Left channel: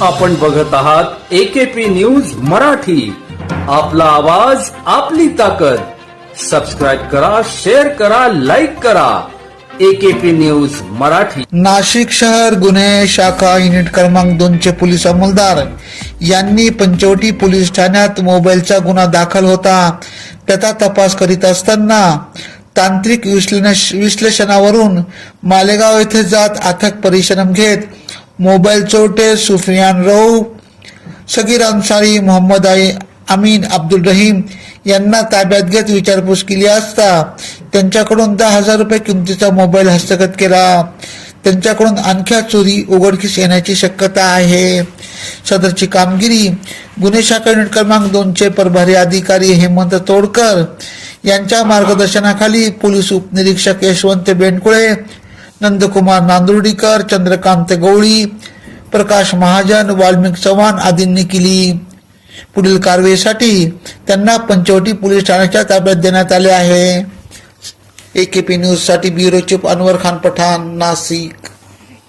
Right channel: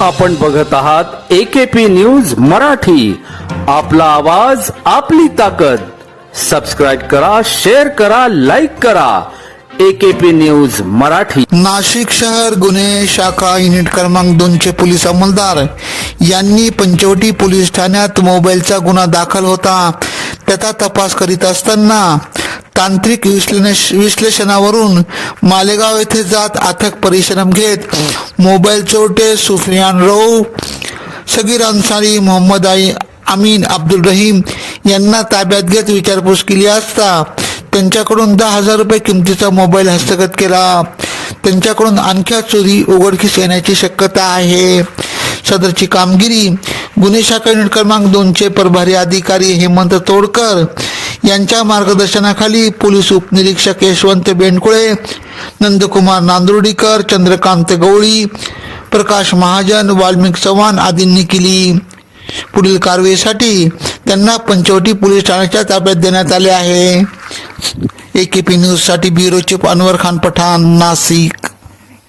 आपण बघत आहात एकेपी न्यूज मराठी. आपला आवाज आपली ताकद. सबस्क्राईब करा शेअर करा लाईक करा. AKP news Marathi. नाशिक शहर गुन्हे शाखा युनिट क्रमांक दोनचे पोलीस अंमलदार. यांनी पंचवटी पोलीस ठाण्यात मोबाईलचा गुन्हा दाखल होता. त्याचा तपास करीत असताना तांत्रिक विश्लेष- विश्लेषणावरून मालेगाव येथे जात अथक परिश्रम घेत मोबाईल चोरटे सुफियान रऊ सगीर अन्सारी मोहम्मद आई अमीन अब्दुल रहीम यांना ताब्यात घेत विचारपूस केली असता त्यांच्याकडून दहा हजार रुपये किमतीचा मोबाईल हस्तगत केला. त्यांच्याकडून आणखी चोरी उघडकीस येण्याची शक्यता आहे. सदरची कामगिरी गुन्हे शाखा युनिट क्रमांक दोनचे प्रभारी अधिकारी हेमंत तोडकर यांच्या मार्गदर्शनाखाली पोलीस उपनिरीक्षक यशवंत बेंडकुळे नंदकुमार नांदुर्डीकर चंद्रकांत गवळी प्रकाश महाजन वाल्मिक चव्हाण आदींनी केली. पुढील कारवाईसाठी त्यांना पंचवटी पोलीस ठाण्याच्या ताब्यात देण्यात आले आहे. एकेपी पी न्यूजसाठी ब्युरो चीफ अनवर खान पठाण नाशिक.